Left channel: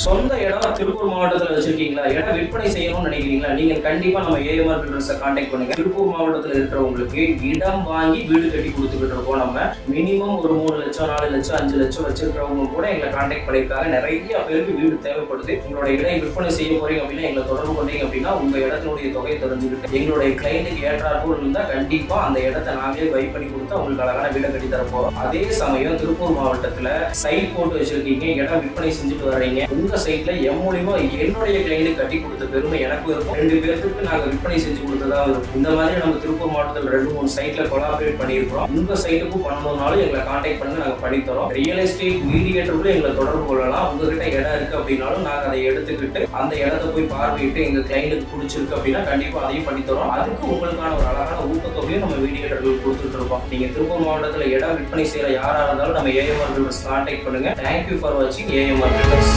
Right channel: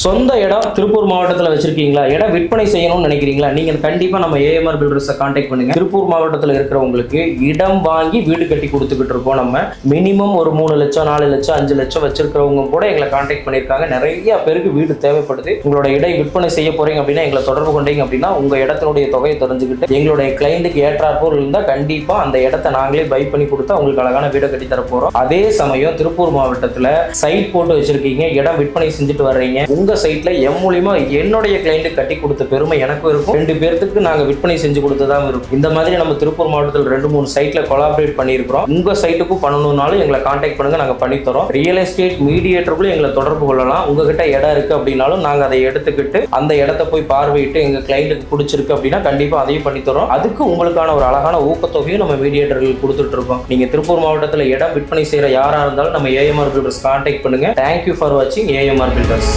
சொந்த இடம் திருப்பூர் மாவட்டத்தில் வச்சிருக்கீங்களா, இடம் விற்பனை செய்யணும்னு நினைக்கிறீங்களா, நீங்க கண்டிப்பா நம்ம ஏஎம்ஆர் பில்டர்ஸை கான்டாக்ட் பண்ணுங்க. திருப்பூர் மாவட்டத்தில் இருக்கிறவங்களுக்கு இடம் வாங்கி வீடு கட்டி கொடுத்துக்கிட்டு இருக்கோம். நம்ம மினிமம் ஒரு 3 லட்சம் 4 லட்சம் 5 லட்சம் வச்சிருக்கிறவங்க கூட எங்களை கான்டாக்ட் பண்ணியிருக்காங்க. நிறைய பேருக்கு வீடு தேவைப்படுது. உங்களோட இடம் விற்பனை செய்ய போறீங்க அப்படின்னா எங்களை தொடர்பு கொண்டீங்க அப்படின்னா உங்க இடத்தினுடைய தொகையை தெரிஞ்சுக்கிட்டு எங்களுடைய கிளைண்ட்டுக்கு ஏற்றாற்போல் இருந்தால் கண்டிப்பா அந்த இடத்தை நாங்களே பை பண்ணி கொடுத்தா உங்களுக்கு அழகான வீடை கட்டி தர போறோம். அதே சமயம் திருப்பூர் மாவட்டத்தில் சைட் போட்டு வச்சிருக்கீங்க, இடம் விற்பனை செஞ்சுட்டு வர்றீங்க, உங்க சைட்ல எம் மூலியமா என்னுடைய கிளைண்ட் கட்டி கொடுத்த பெருமை எனக்கும் இருக்கும், 2 பேருக்கு நாங்க விற்பனை செஞ்சு கொடுத்ததாக இருக்கும். இந்த மாதிரி நம்ம திருப்பூர் மாவட்டத்தில் 2-3 சைட்ல கொலாபரேட் பண்ணியிருக்கிறோம். உங்க சைட்டுக்கும் பண்ணணும்னாலும் எங்களை கான்டாக்ட் பண்ணுங்க, நாங்க பண்ணி தரோம். ரியல் எஸ்டேட் மீடியேட்டருக்குள்ள எங்களை தொடர்பு கொள்ளலாம். உங்ககிட்ட இடம் இருக்கு அப்படின்னாலும் நாங்க அதை எடுத்துக்கிட்டு அந்த இடத்தை போய் பார்வையிட்டு எங்க கிளைண்ட்டுக்கு பிடிச்சிருக்கு அப்படின்னா கண்டிப்பா அதையும் பண்ணி தரோம். அதுக்கு உங்களுக்கான ஒரு அழகான ஊக்கத்தொகையும் நம்ம மீடியேட்டர்கள் கொடுத்துட்டு இருக்கோம். நீங்க திருப்பூர் மாவட்டத்தில் இடம் விற்பனை செய்யற யாரா இருந்தாலும் நம்ம ஏஎம்ஆர் பில்டர்ஸ் கான்டாக்ட் பண்ணுங்க. தேங்க்யூ ஃபார் வாட்சிங் ஏஎம்ஆர் பில்டர்ஸ்.